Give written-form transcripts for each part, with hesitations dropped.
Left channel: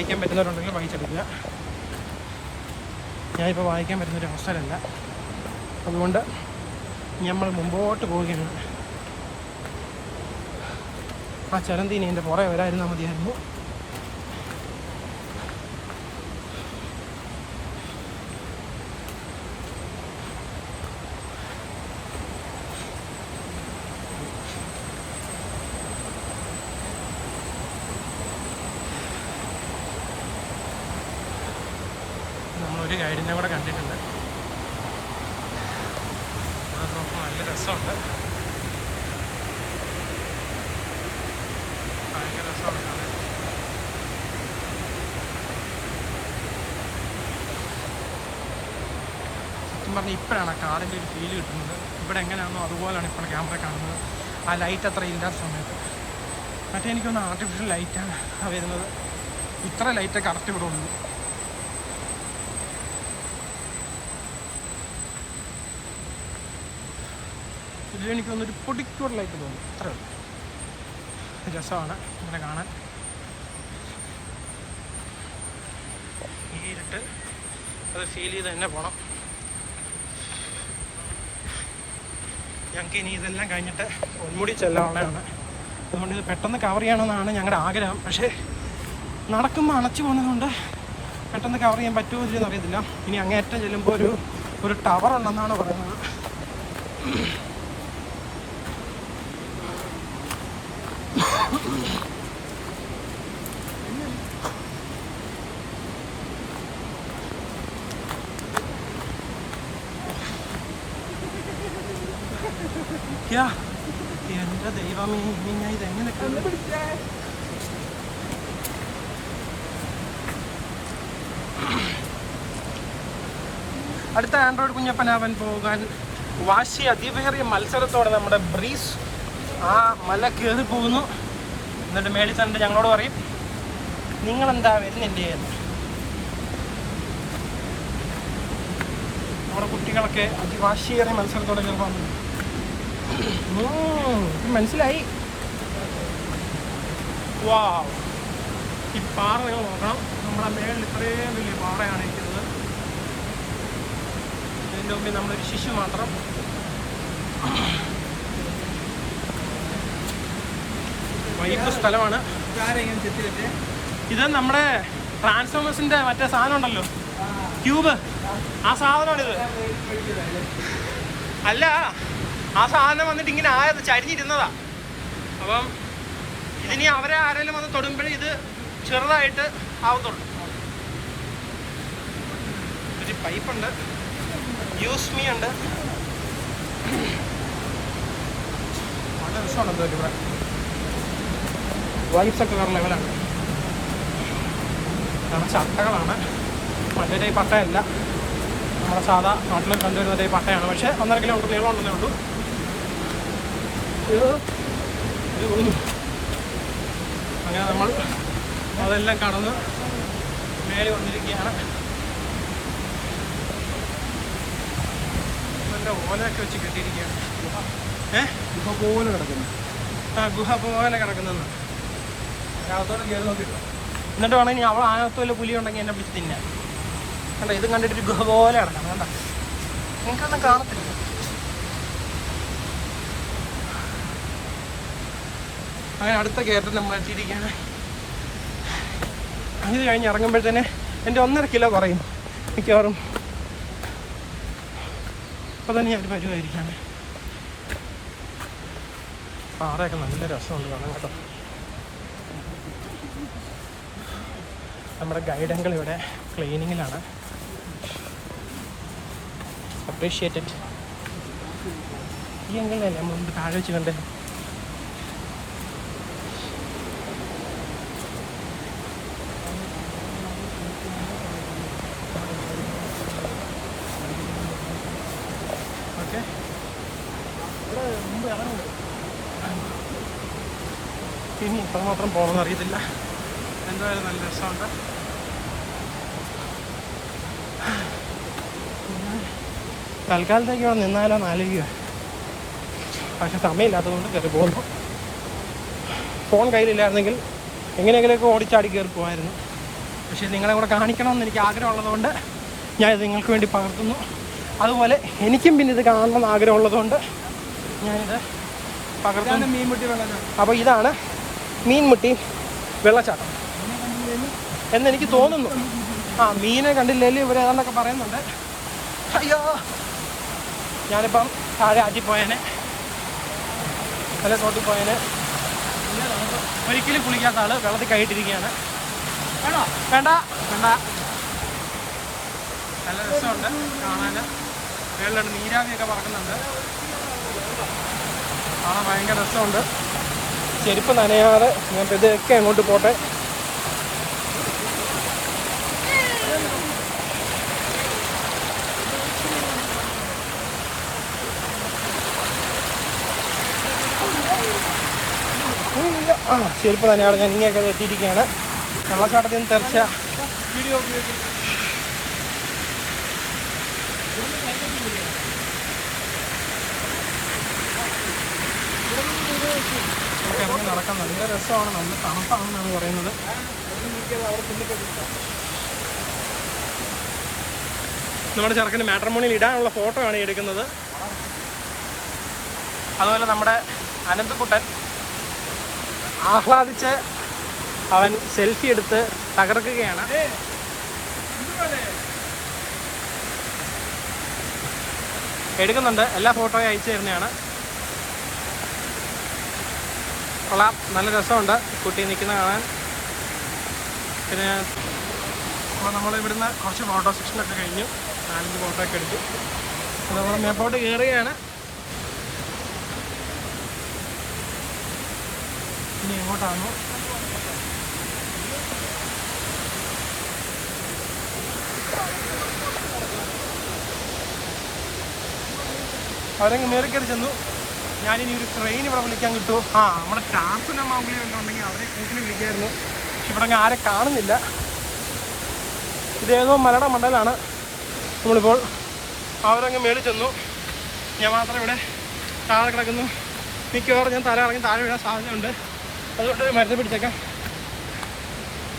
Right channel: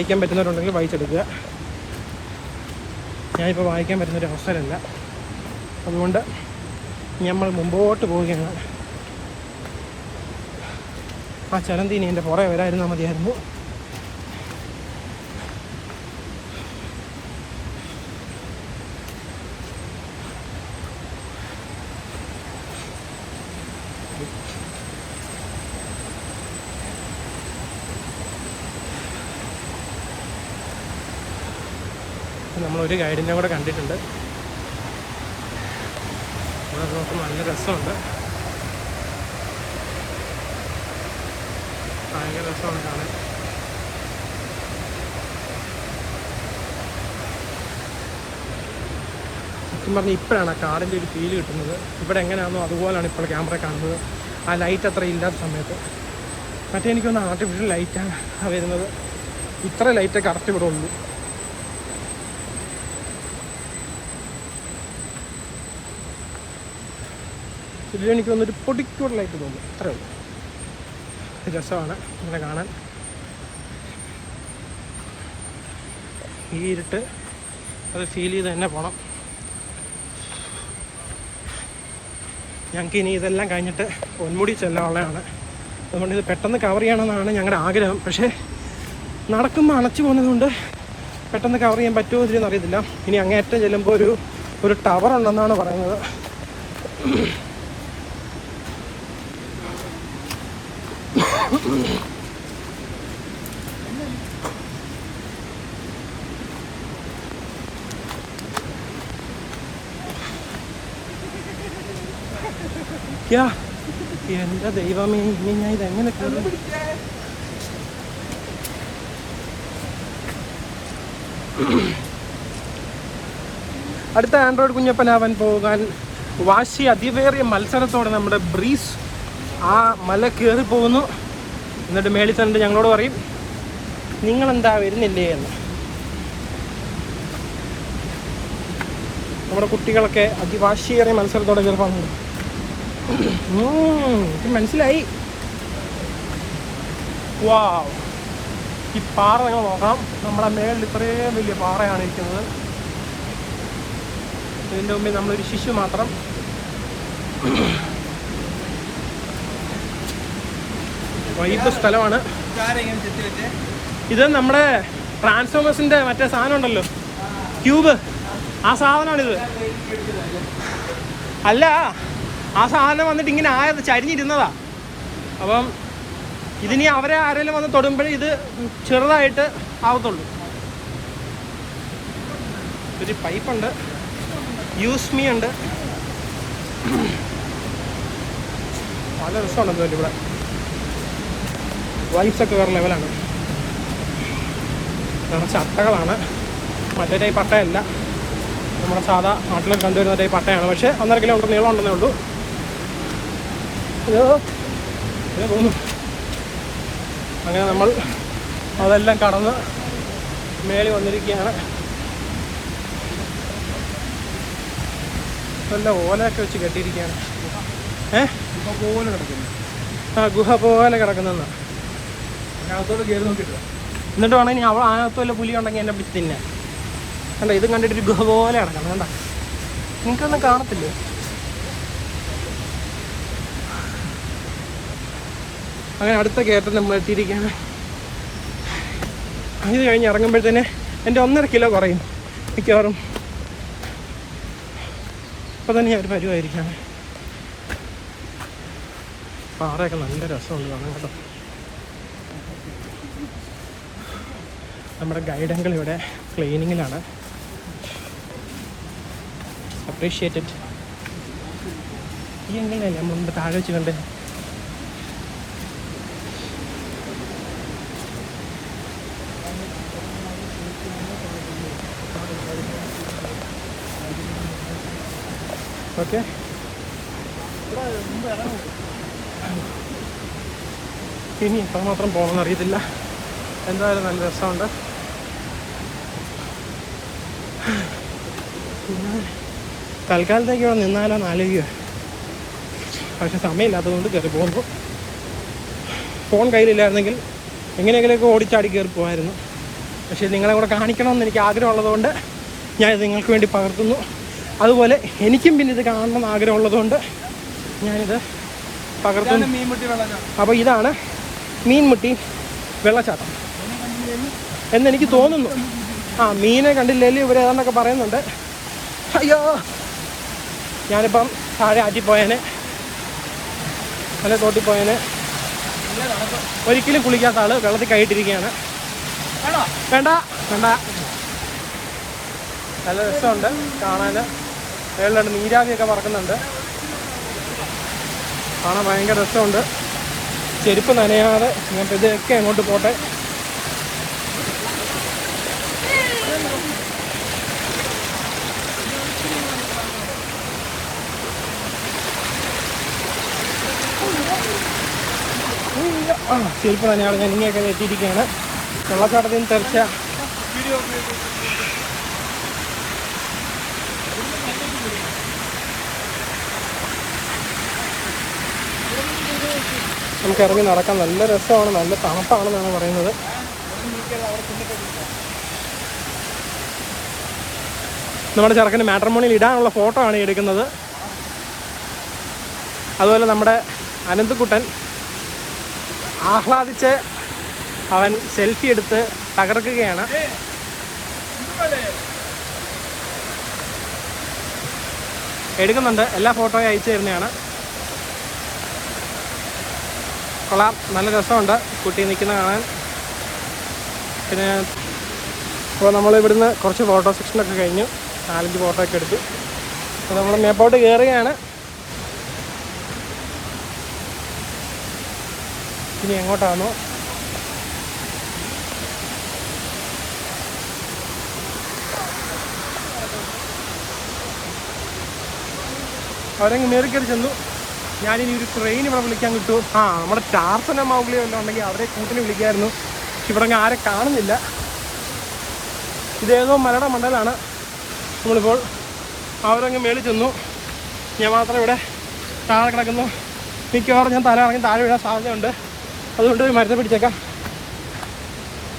വായിക്കാൻ പറ്റുന്നവരുണ്ടെങ്കിൽ വായിച്ചെടുക്കുക. ഞാനിപ്പോൾ വായിക്കാൻ പറ്റുന്നൊരു അവസരമല്ല, അതുകൊണ്ട് നമ്മൾ മുമ്പോട്ട് പോവുകയാണ്. ആ ചലന്തീനി എൻ്റെ പുറകെ വരായിരുന്നാൽ മതിയായിരുന്നു. നമ്മളൊരു ഗൈഡിനെ കൂടെ കണ്ടിട്ടുണ്ട്. നോക്കുമ്പോൾ നല്ല രസമുണ്ട്, ഭയങ്കര രസമാണ് കാണാൻ. സത്യം പറഞ്ഞാൽ ഇപ്പോഴാണ് ആ കാടിൻ്റെ ഒരു ഫീല് കിട്ടുന്നത്. ഇവിടെ എങ്ങനെയാണോ അതുപോലെയാണ് ഇപ്പോൾ ക്യാമറ കാണുന്നത്. ആ ലൈറ്റ് അത്ര ഇല്ലാത്ത സമയത്ത്. മറ്റേ എനിക്കൊന്ന് ആർട്ടിഫിഷ്യൽ ലൈറ്റാണ് വരുന്നത്. ഇത്ര ലൈറ്റ് കറക്റ്റ് ഇവിടെ ഉള്ളൂ. ഇതിലെനിക്ക് വന്നൊരു പൊടിക്കൂടലായിട്ട് തോന്നും, അത്രേ ഉള്ളൂ. രസമാണ് ഇങ്ങനെ കാണാൻ. ഈ ഇരുട്ട് അത് ഫീൽ ചെയ്ത് തന്നെ പോകണം. ഞങ്ങൾക്ക് ഇനി ഇതെല്ലാം കഴിഞ്ഞിട്ട് പൊന്മുടി ചെല്ലാനുള്ളതാണ്. അതുകൊണ്ട് ഇത് പെട്ടെന്ന് കവർ ചെയ്യണമെന്നാണ് ഞങ്ങളുടെ ആഗ്രഹം. പക്ഷേ നടക്കുമ്പോൾ അണച്ചു പോകുന്നതുകൊണ്ട് പെട്ടെന്ന് കവർ ചെയ്യാൻ പറ്റുമോ ഇല്ലെന്ന് അറിയത്തില്ല. ഇനി അങ്ങേറ്റം ചെല്ലുമ്പോൾ ഒരു ടവർ ഉണ്ടെന്നാണ് പറയുന്നത്. എന്റെ ദൈവമേ, ഇനി ഞാൻ ഇതെങ്ങനെ കാണും? അടുത്ത ആൻഡ്രോയിഡ് കുഞ്ഞപ്പനാവാൻ പോകാൻ വാശി അതിവേറിയ മത്സരത്തോടെ നമ്മുടെ ബ്രീസ് ആ മല കയറി പോകുന്നു. എന്നിട്ട് മേളിൽ ചെന്നിട്ട് ഞങ്ങളോട് പറയും, നിങ്ങളെന്താ വരുന്നില്ലേ എന്ന്. നമ്മുടെ കുട്ടികളൊക്കെ അതിവാശിയേറിയ മത്സരത്തോടെ കയറി പോകുന്നുണ്ട്. മനസ്സിലായി. വാ, ഈ പാറ നിങ്ങൾ നോക്കണം. നമ്മുടെ മേളിൽ ഇത്രയും വലിയ പാറയാണ് ഇരിക്കുന്നത്. ഇതിൻ്റെ മുമ്പിൽ നമ്മളൊരു ശിശു മാത്രം. വൈബ് സ്ഥലമാണ്. ഇത് നമ്മുടെ ട്രാൻസ്ഫോമേഴ്സിന്റെ മറ്റേ സാധനം ഉണ്ടല്ലോ, ക്യൂബ്, ആ സാധനമാണിത്. അല്ല, ആ സാധനം വന്നിട്ട് ഇങ്ങനെ ആയത് ചരിഞ്ഞിരുന്നതാ. അപ്പം ഇതിനി അവരെ ആരെങ്കിലും വന്ന് തൊടുമ്പോഴേ ഇത് ചെറുതായിട്ട് ആവത്തുള്ളൂ. ഒരു പൈപ്പുണ്ട്, യൂസ് മീ ഉണ്ട്. നല്ല രസമുണ്ട് ഇവിടെ. വൈബ്സൊക്കെ വേറെ ലെവലാണ്. നിറച്ച് അട്ടകളാണ്. മറ്റേ ടൈപ്പ് പട്ടയല്ല, നമ്മുടെ സാധാ നാട്ടിൽ കണ്ടുവരുന്ന ടൈപ്പ് പട്ടയാണ്. പക്ഷേ 1.5 കിലോമീറ്റർ നീളം ഉണ്ടെന്നേ ഉള്ളൂ. അങ്ങനെ നമ്മൾ അതെല്ലാം കടന്ന് മേടി വന്നിരിക്കുകയാണ്. നല്ല ഓലയൊക്കെ വെച്ച് കെട്ടിയിരിക്കുകയാണ്. ഗുഹ പോലെ കിടക്കുന്നു. ആ, ഗുഹ പോലെ കിടക്കുന്നെന്ന്. അതിനകത്തോടെ ചെയ്ത് നോക്കിയിട്ടില്ല. എന്നിട്ട് വേണമെങ്കിൽ അവൾ അതിനകത്ത് വല്ല പുലി ഉണ്ടെങ്കിൽ എന്നെ പിടിച്ച് തിന്നാൻ. കണ്ട, ഇതും കണ്ടിട്ടൊരു ഗുഹ പോലെ കിടക്കണം. വേണ്ട, നിങ്ങൾക്കൊന്നും കാണത്തില്ലേ? അങ്ങനെ അടുത്ത കയറ്റം നമ്മൾ എത്തിയിരിക്കുകയാണ്. അത് കഴിഞ്ഞ് ഇറങ്ങുമ്പോഴത്തേനെ എൻ്റെ 1.5 കിലോ കുറയും മിക്കവാറും. അപ്പോൾ തന്നെ ഞാൻ ഒരു പരിവായിരിക്കാണ്. പാറയൊക്കെ നല്ല രസമുണ്ട് കാണാൻ കേട്ടോ. നമ്മുടെ ഗൈഡങ്ങൾ ഇവിടെ ക്ലീനിങ്ങിലാണ്. അപ്രീഷിയേറ്റഡ്. ഈ എങ്ങനെയല്ലേ നമ്മൾ മുമ്പ് താഴെ വെച്ച് കണ്ടേ? ഓക്കെ, ഇനി ഇപ്പം മാത്രം പോകണമെന്ന് അറിയത്തില്ല. എന്തായാലും നല്ല രസമുണ്ട്. പിന്നെ തൽക്കാലത്തേക്ക് അവിടെ നിന്നാലോ ആലോചിക്കുക. പക്ഷെ സമയമില്ലാത്തതുകൊണ്ട് കയറി പോകുന്നു. ഫോൺ കയ്യിലില്ലായിരുന്നെങ്കിൽ എങ്ങനെയെങ്കിലുമൊക്കെ ഓടിച്ചാടി കയറി പോകുമായിരുന്നു. പക്ഷേ നിങ്ങളെ കൂടെ കാണിക്കണമെന്ന് എനിക്ക് ആഗ്രഹമുള്ളതുകൊണ്ട് ഞാനിത് നിങ്ങൾക്ക് വേണ്ടി പകർത്തുന്നു. അതുപോലെ എനിക്കും പിന്നെ ഇത് കാണണമെന്ന് ആഗ്രഹമുള്ളതുകൊണ്ട് ഞാനിത് പകർത്തുന്നു. മീൻമുട്ടി വെള്ളച്ചാട്ടം. അപ്പോൾ ഇതാണ് മീൻമുട്ടി വെള്ളച്ചാട്ടം എന്നെനിക്ക് തോന്നുന്നു. മീനെ കണ്ടില്ലെങ്കിൽ ഇവർ ഏതാണ്ടൊക്കെ പറയുന്നുണ്ട്. അയ്യോ, ഞാനിപ്പം താഴെ ആറ്റിപ്പോയേനെ, നല്ല തോട്ടിപ്പോയേനെ. ഒരിക്കലും കുളിക്കാത്ത ആൾ വെള്ളത്തിൽ കൈയിട്ടിരിക്കുകയാണ്. വേണ്ട വേണ്ട. നല്ല രസമുണ്ട് കാണാൻ. വെള്ളമുണ്ട്, നീരാവിയൊക്കെ പറക്കുന്നുണ്ട്, കാണാൻ ഭയങ്കര രസമുണ്ട്. ചെരുപ്പ് നനയാതെ ഞാൻ ഇതൊക്കെ അങ്ങോട്ട് പോട്ടെ. ചെരുപ്പ് നനയാതെ ഞാൻ ഇങ്ങനെയൊക്കെ എത്തിയിരിക്കുകയാണ്. വെള്ളച്ചാട്ടത്തിൽ നിന്ന് തെറിച്ച നമുക്ക് ഇറങ്ങി നടക്കാൻ നല്ല രസമാണ്, നല്ല തണുപ്പാണെന്നാണ് പറയുന്നത്. നമ്മുടെ ചെറുക്കന് മാട്രിമോണിയിൽ ഇടാനുള്ള ഫോട്ടോ ആണ് എടുക്കുന്നത്. അതുപോലെ നമ്മുടെ അനന്തക്കുട്ടൻ ആഹ്ലാദിച്ച് അവൻ സെൽഫി എടുത്ത് തകർക്കുകയാണ്. എടുക്കുന്നുണ്ട്, എല്ലാ ഫോട്ടോയും അയച്ചു തരുന്നതാണ്. കൊള്ളാം, നല്ല രസമുണ്ട് കുട്ടി നിൽക്കുന്ന കാണാൻ. പിന്നെ അപ്പോൾ നമ്മൾ ഇവിടുന്ന് കുറച്ച് ഫോട്ടോ സെക്ഷനൊക്കെ കഴിഞ്ഞു, 4-5 ഫോട്ടോ ഒക്കെ എടുത്തു. അപ്പോൾ നമ്മൾ മേപ്പോട്ട് കയറുകയാണ്. ഇനി എങ്ങോട്ടാണോ അവരങ്ങ് മേറിക്കറി ചെന്നു. ഞാനിനി ഒരു ട്രെയിൻ ഇവിടെ വിളിക്കാൻ കിട്ടുമോ? നമ്മുടെ ടാർസന മൗഗ്ലിയോ എല്ലാം ഉണ്ടെങ്കിൽ അവരെ കൂട്ടിന് വിളിക്കായിരുന്നു. ഇവിടെ അങ്ങ് ആരെ കാണുന്നില്ല. ഇതേതോ മലയുടെ മണ്ടലാണ് നമ്മളിപ്പോൾ. അവരങ്ങ് മേളിൽ ചെന്നു, ഞാൻ മാത്രം ഇവിടെ താഴെ കിടക്കുന്നു. മിക്കവാറും ഞാൻ തല ഇറങ്ങി താഴെ വീഴാൻ സാധ്യതയുണ്ട്. അതുകൊണ്ട് മരുന്ന് പിടിച്ചേക്കാം.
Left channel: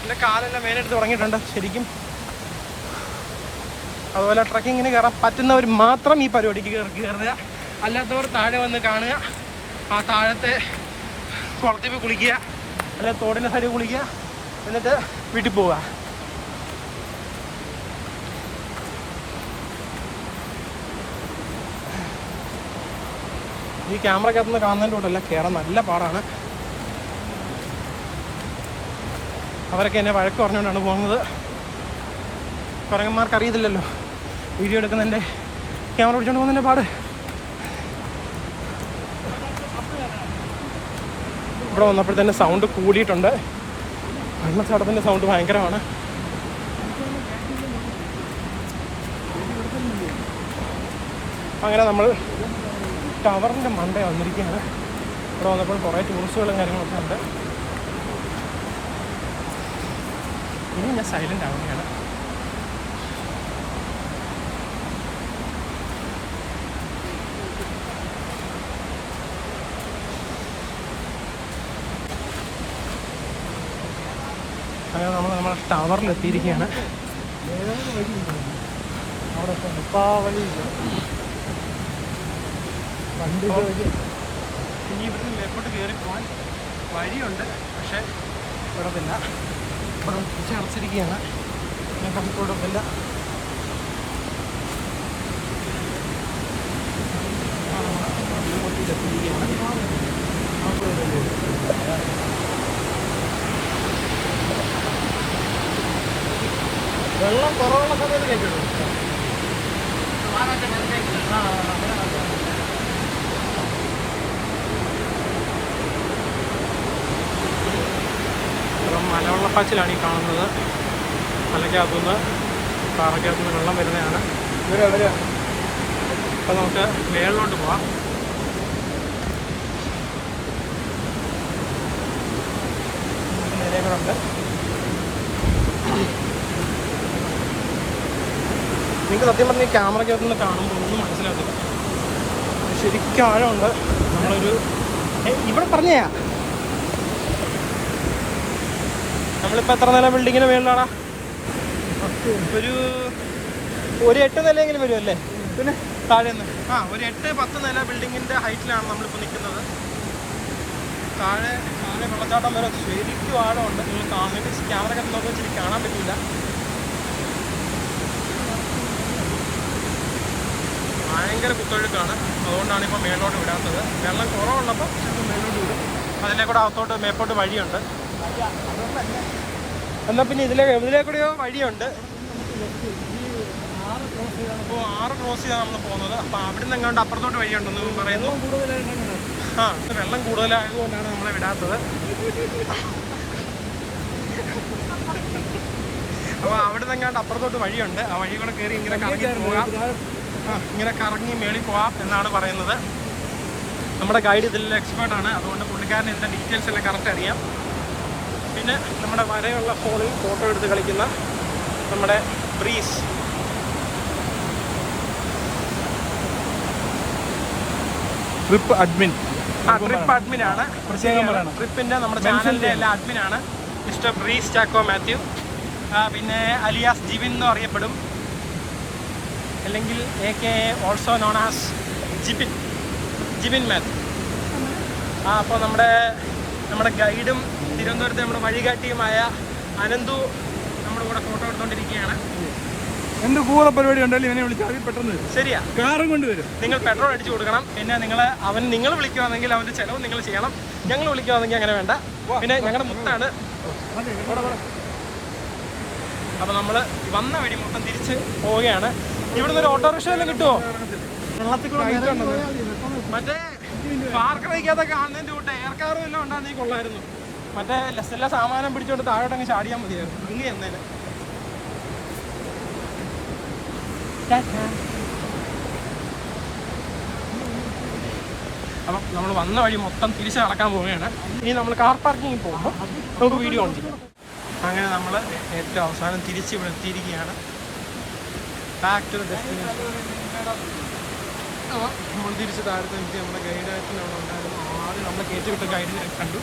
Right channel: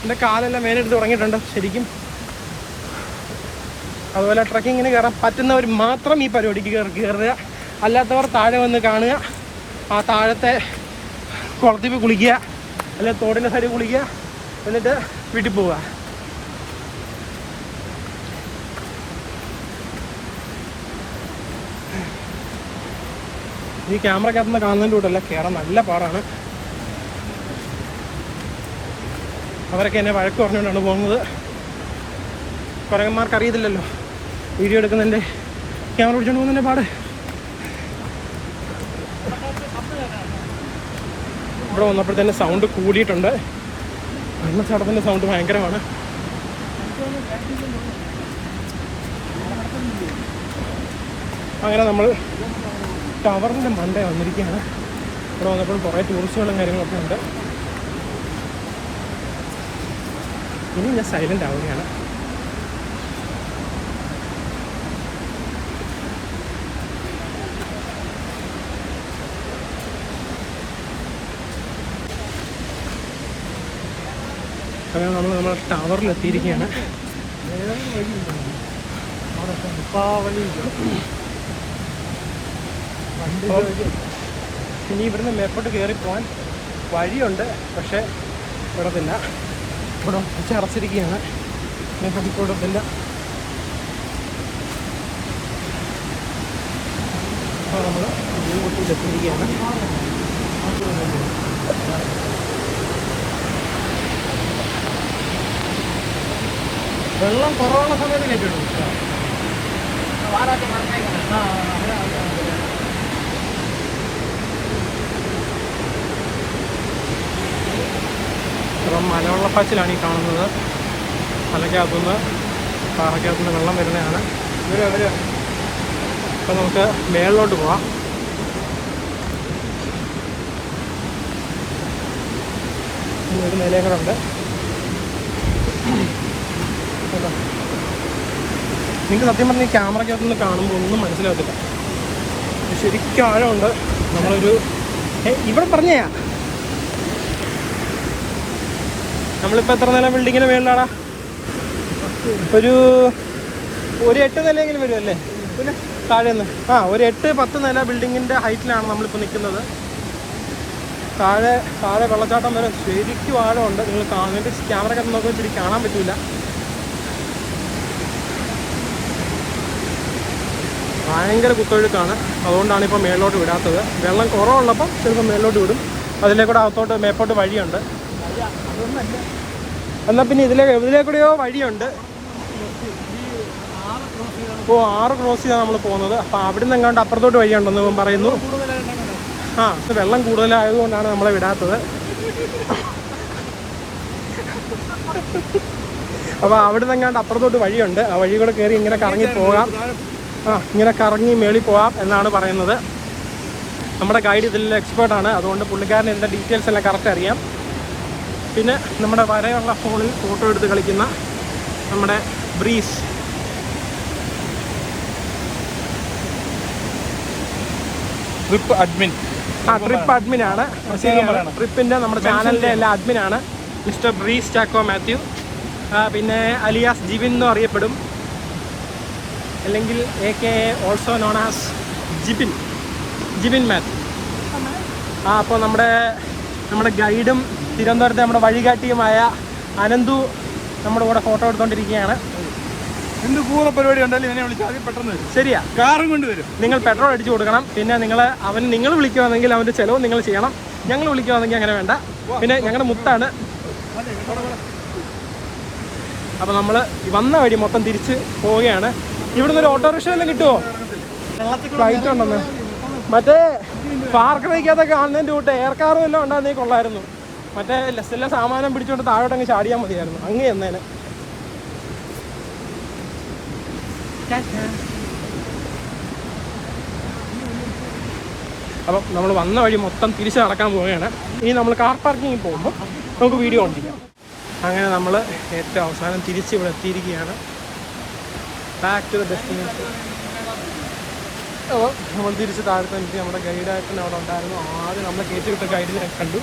എൻ്റെ കാലെല്ലാം മേലെടുത്ത് തുടങ്ങിയിട്ടുണ്ട് ശരിക്കും. അതുപോലെ ട്രക്കിങ്ങിന് കയറാൻ പറ്റുന്നവർ മാത്രം ഈ പരിപാടിക്ക് കയറുക, അല്ലാത്തവർ താഴെ വന്ന് കാണുക, ആ താഴത്തെ കുളത്തിൽ പോയി കുളിക്കുക, അല്ല തോടിൻ്റെ സൈഡിൽ കുളിക്കുക, എന്നിട്ട് വീട്ടിൽ പോവുക. ഈ ക്യാമറക്കകത്തുനിന്ന് കാണുന്നതിൻ്റെ കൂട്ടല്ല കയറാൻ നല്ല പാടാണ്. അവരൊക്കെ എന്നെ വഴക്ക് പറഞ്ഞുകൊണ്ടാണ് പോകുന്നത്. കുരങ്ങന്മാർക്ക് അറിയത്തില്ലല്ലോ വീഡിയോ എടുക്കുന്നതിൻ്റെ ക്യാമറ പിടിച്ചുകൊണ്ട് പോകുന്നതിൻ്റെ പാട്. ഇവിടെ വന്നപ്പോഴത്തേന് സൗണ്ട് കൂടിയിട്ടുണ്ട്. വെള്ളച്ചാട്ടത്തിൻ്റെ സൗണ്ട് ഭയങ്കരമാണ്. അങ്ങനെ നമ്മൾ ടവറിൻ്റെ മണ്ട വന്നിരിക്കുകയാണ്. ഇവിടെ വന്നപ്പോൾ കുറേ ടൂറിസ്റ്റുകളും കാര്യങ്ങളൊക്കെ ഉണ്ട്. ഇനി ഞാൻ സൈലൻ്റ് ആവുകയാണ്. അങ്ങനെ നമ്മൾ ടവറിലെത്തിയിരിക്കുകയാണ്. ഇനി ഇവിടുന്ന് മേപ്പോട്ട് കയറിപ്പോവാൻ വഴിയുണ്ട്, പക്ഷേ ഇവിടത്തില്ല. ഇവിടെ കുറച്ച് അടച്ചിരിക്കുകയാണ്. മേപ്പോട്ട് ഇവിടത്തില്ല. നമ്മൾ മീൻമുട്ടിയിലെത്തിയിരിക്കുകയാണ്. വെള്ളം കുറവുള്ള സമയത്ത് കഴിക്കണം. ഇപ്പം മലവെള്ളപ്പാച്ചിലാണ് ഈ കാണുന്നത്. മലയ്ക്കകത്തുനിന്ന് പാറയ്ക്കകത്തുനിന്ന് വെള്ളം വരുന്നതാണ്. അപ്പോൾ നമുക്ക് മേളിലോട്ട് പോവാം. ഒരു നിലയും കൂടെ ഉണ്ട്. നിങ്ങൾക്ക് സത്യം പറഞ്ഞാൽ ഈ ക്യാമറയ്ക്കകത്തുനിന്ന് കാണുമ്പോൾ ഒന്നും മനസ്സിലാകത്തില്ല. ശരിക്കും ആഴമുണ്ട്. നമ്മളൊരു ഇവിടെ പറഞ്ഞാ നമ്മളിപ്പോൾ എത്ര നില ബിൽഡിങ്ങിന് മേളിലാടാ? ഒരു 8 നിലയെങ്കിലും വരുമല്ലേ? പിന്നെ താഴേന്ന് ഒരു 8-10 നില ബിൽഡിങ്ങിൻ്റെ ഹൈറ്റിലാണ് നമ്മളിപ്പോൾ നിൽക്കുന്നത്. താഴെ വെള്ളച്ചാട്ടം വരെ ശരിക്കും ആഴമുണ്ട്. നിങ്ങൾ കാണേണ്ട ക്യാമറ നോക്കുമ്പോൾ ഇത്തിരി കാണാൻ പറ്റില്ല. ഭയങ്കര കുത്തൊഴുക്കാണ്. അതുകൊണ്ടാണ് ഇപ്പോൾ മേലോട്ട് വിടാത്തത്. വെള്ളം കുറവുള്ളപ്പം ചിലപ്പോൾ മേലോട്ട് വിടും. അതിലേക്കൂടെ അകത്തോട്ട് മേപ്പോട്ട് വഴിയുണ്ട്. എന്നാൽ പിന്നെ ഇതിലേക്കൂടെയോ വഴിയുണ്ട്. ഇപ്പോൾ 6 ക്രോസ് ചെയ്താണ് നമ്മൾ പോകുന്നത്. അപ്പോൾ അവിടെ നിന്ന് എങ്ങാണ്ട് അപ്പുറത്തോട്ട് വഴിയുണ്ടെന്ന് ഇവൻ പറയുന്നു. വെള്ളം കൂടുതലായതുകൊണ്ടാണ് നമ്മളെ വിടാത്തത്. അപ്പോൾ അവിടെ നിന്ന് എങ്ങാണ്ട് അപ്പുറത്തോട്ട് വഴിയുണ്ട്. ആ വഴി കൂടെ കയറി ഇങ്ങനെ കറങ്ങി പോകാം. ഇങ്ങനെ കറങ്ങി മേളിൽ പോകാം എന്നാണ് പറയുന്നത്. നമ്മുടെ ഗൈഡ് ഇതിൻ്റെ എക്സ്പേർട്ടാണ്. അതുകൊണ്ട് പുള്ളിക്കാരന് ഇതിൻ്റെ ഡീറ്റെയിൽസ് എല്ലാം കറക്റ്റ് അറിയാം. പിന്നെ നമ്മുടെ വരയുള്ള ഫോണിൽ ഫോട്ടോ എടുത്ത് കളിക്കുന്ന നമ്മുടെ ബ്രീസ്. ട്രിപ്പ് അഡ്മിനാണ്. ട്രിപ്പിൻ്റെ നമ്മുടെ ചാനലിൻ്റെ എല്ലാ അഡ്മിനാണ് മിസ്റ്റർ ബ്രീസ് ചാക്കോ മാത്യു. പിന്നെ അലിയാസ് ജിബിൻ എന്നും അറിയപ്പെടും, അല്ലെങ്കിൽ AK also known as Jibin Mathew. അപ്പോൾ നമ്മുടെ ഗൈഡും തിരുവനന്തപുരത്തെ നമ്മുടെ വഴികാട്ടിയുമായ അനന്തു നമ്മുടെ കൂടെ ഫോട്ടോ എടുത്തുകൊണ്ടിരിക്കുകയാണ്. എന്ത് പൂത പരിപാടി ഉണ്ടല്ലോ ഇവനെ വിളിച്ചാൽ പെട്ടെന്ന് വരും. ശരിയാ, കാറും കൊണ്ടുവരും. നിങ്ങൾ പെട്രോൾ അടിച്ചു കൊടുക്കണം. പിന്നെ നിങ്ങൾ വിളിക്കുവാണെങ്കിൽ അവൻ്റെ ചിലവ് നിങ്ങൾ ചെയ്യണം. ഞങ്ങൾ വിളിക്കുവാണെങ്കിൽ അങ്ങനെ വേണ്ട. പിന്നെ ഞങ്ങളുടെ മുത്താണ്. അപ്പോൾ നമ്മൾ വന്ന വഴി മൊത്തം തിരിച്ച് പോവുകയാണ്. ഇവിടുന്ന് ഒരു ഓട്ടോറിക്ഷ വല്ലതും കിട്ടുമോ? ഫ്ലൈറ്റുണ്ടെന്ന് മറ്റേ പാർക്ക് വയ്ക്കാത്തൊക്കെ കാണുന്നതിൻ്റെ കൂട്ട് എയർ കാറും എല്ലാം ഉണ്ടാകുന്നേ കൊള്ളായിരുന്നു. മറ്റേ എല്ലാ സാമാനം പിടിച്ചുകൊണ്ട് താഴോട്ടങ്ങ് ചാടിയാൽ മതിയായിരുന്നു. അങ്ങ് എന്നേനെ. അപ്പം നമ്മൾ വന്ന വഴി മൊത്തം തിരിച്ച് നടക്കാൻ പോവുകയാണ്. ഇനി നമ്മൾ കാർ പാർക്കിങ്ങിൽ പോകുമ്പോൾ നമുക്ക് വീഡിയോ ഓൺ ചെയ്യാം. അങ്ങനെ നമ്മൾ ഏറ്റവും അവസാനം തിരിച്ച് ഇവിടെ എത്തിയിരിക്കുകയാണ്. Back to the destination. അപ്പോൾ നമ്മൾ തിരിച്ച് താഴത്തെ നമ്മുടെ ഗൈഡായിട്ട് അവിടെ ഉണ്ടായിരുന്നു. ആദ്യം നമ്മളെ കയറ്റി വിട്ട ഗൈഡിനെ കണ്ടു.